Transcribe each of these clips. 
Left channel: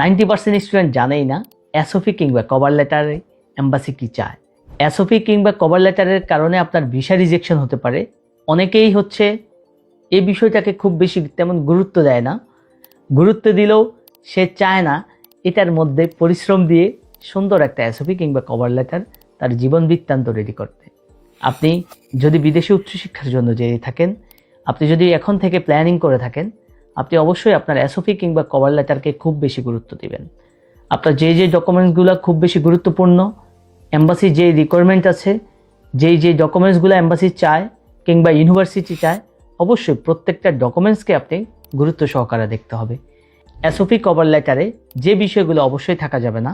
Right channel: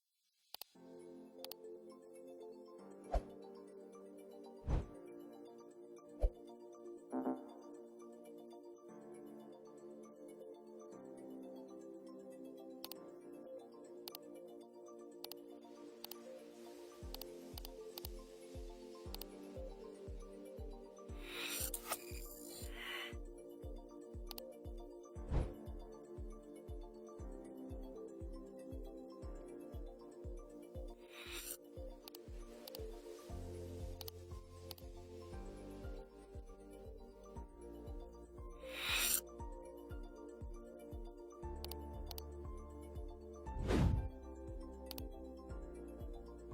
90% student জানেই না SOP কিংবা কভার লেটারে এম্বাসি কি চায়। এসওপি কিংবা কভার লেটারের কারণে আপনার ভিসা রিজেকশন হতে পারে। অনেকেই এই বিষয়টাকে খুব বেশি তেমন গুরুত্ব দেয় না। গুরুত্ব দিলেও সে চায় না এটার মধ্যে পরিশ্রম দিয়ে সুন্দর একটা এসওপি কিংবা কভার লেটার তার জীবন বৃত্তান্ত রেডি করতে। আপনি যদি বিদেশে উচ্চশিক্ষার জন্য যেয়ে থাকেন, আপনি যদি এখন থেকে প্ল্যানিং করে থাকেন, আপনি অবশ্যই আপনার এসওপি কিংবা কভার লেটারকে খুব বেশি গুরুত্ব দিবেন। আপনার যে ডকুমেন্টসগুলো খুব বেশি গুরুত্বপূর্ণ, এম্বাসি যে রিকোয়ারমেন্ট আছে, যে ডকুমেন্টসগুলো এম্বাসি চায় কিংবা ইউনিভার্সিটি চায়, অবশ্যই প্রত্যেকটা ডকুমেন্টসকে আপনি গুরুত্ব সহকারে দেখতে হবে। এসওপি কভার লেটারে যে বিষয়গুলো অবশ্যই থাকা যাবে না,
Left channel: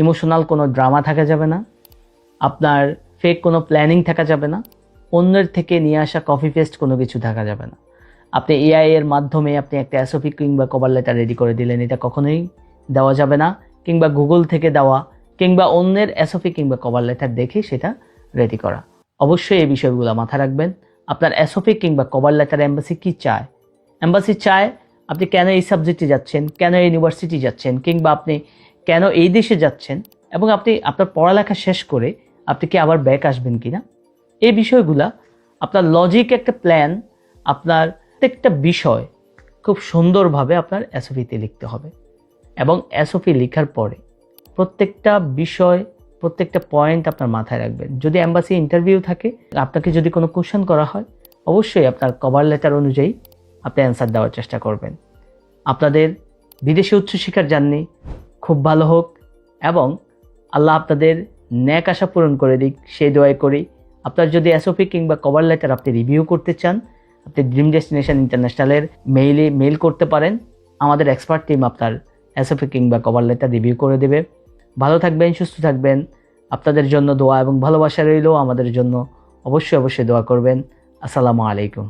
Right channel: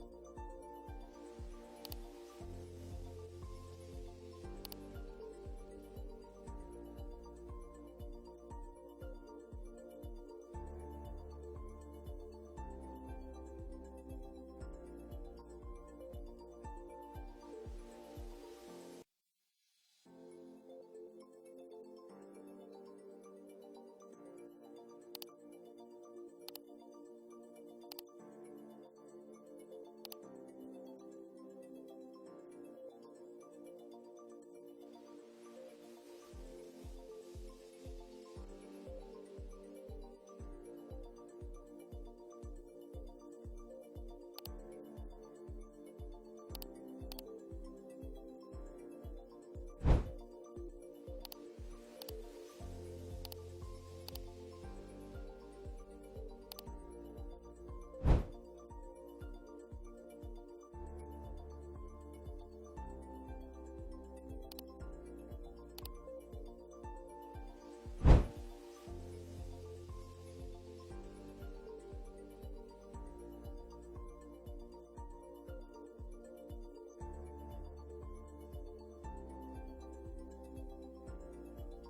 ইমোশনাল কোনো ড্রামা থাকা যাবে না, আপনার ফেক কোনো প্ল্যানিং থাকা যাবে না, অন্যের থেকে নিয়ে আসা কপি পেস্ট কোনো কিছু থাকা যাবে না। আপনি এআই এর মাধ্যমে আপনি একটা এসওপি কিংবা কভার লেটার রেডি করে দিলেন, এটা কখনোই দেওয়া যাবে না। কিংবা গুগল থেকে দেওয়া কিংবা অন্যের এসওপি কিংবা কভার লেটার দেখে সেটা রেডি করা। অবশ্যই এই বিষয়গুলো মাথায় রাখবেন। আপনার এসওপি কিংবা কভার লেটার এম্বাসি কি চায়। এম্বাসি চায় আপনি কেন এই সাবজেক্টে যাচ্ছেন, কেন ইউনিভার্সিটি যাচ্ছেন, কিংবা আপনি কেন এই দেশে যাচ্ছেন, এবং আপনি আপনার পড়ালেখা শেষ করে আপনি কি আবার ব্যাক আসবেন কিনা। এই বিষয়গুলা আপনার লজিক একটা প্ল্যান, আপনার প্রত্যেকটা বিষয় খুব সুন্দরভাবে আপনার এসওপিতে লিখতে হবে। এবং এসওপি লেখার পরে প্রত্যেকটা বিষয়, প্রত্যেকটা পয়েন্ট আপনার মাথায় রাখবেন। যদি এম্বাসি ইন্টারভিউ থাকে, আপনাকে যদি কোনো কোশ্চেন করা হয়, অবশ্যই আপনার কভার লেটার অনুযায়ী আপনি অ্যান্সার দেওয়ার চেষ্টা করবেন। আপনাদের বিদেশে উচ্চশিক্ষার জার্নি খুব ভালো হোক এবং আল্লাহ আপনাদের ন্যাক আশা পূরণ করে দিক, সেই দোয়াই করি। আপনার যদি এসওপি কিংবা কভার লেটার আপনি রিভিউ করতে চান, আপনি ড্রিম ডেস্টিনেশন ইন্টারন্যাশনালের মেইল করতে পারেন। আমাদের এক্সপার্ট টিম আপনার এসওপি কিংবা কভার লেটার রিভিউ করে দেবে। ভালো থাকবেন, সুস্থ থাকবেন। আপনাদের জন্য দোয়া এবং ভালোবাসা রইল। আমাদের জন্য অবশ্যই দোয়া করবেন। আসসালামু আলাইকুম।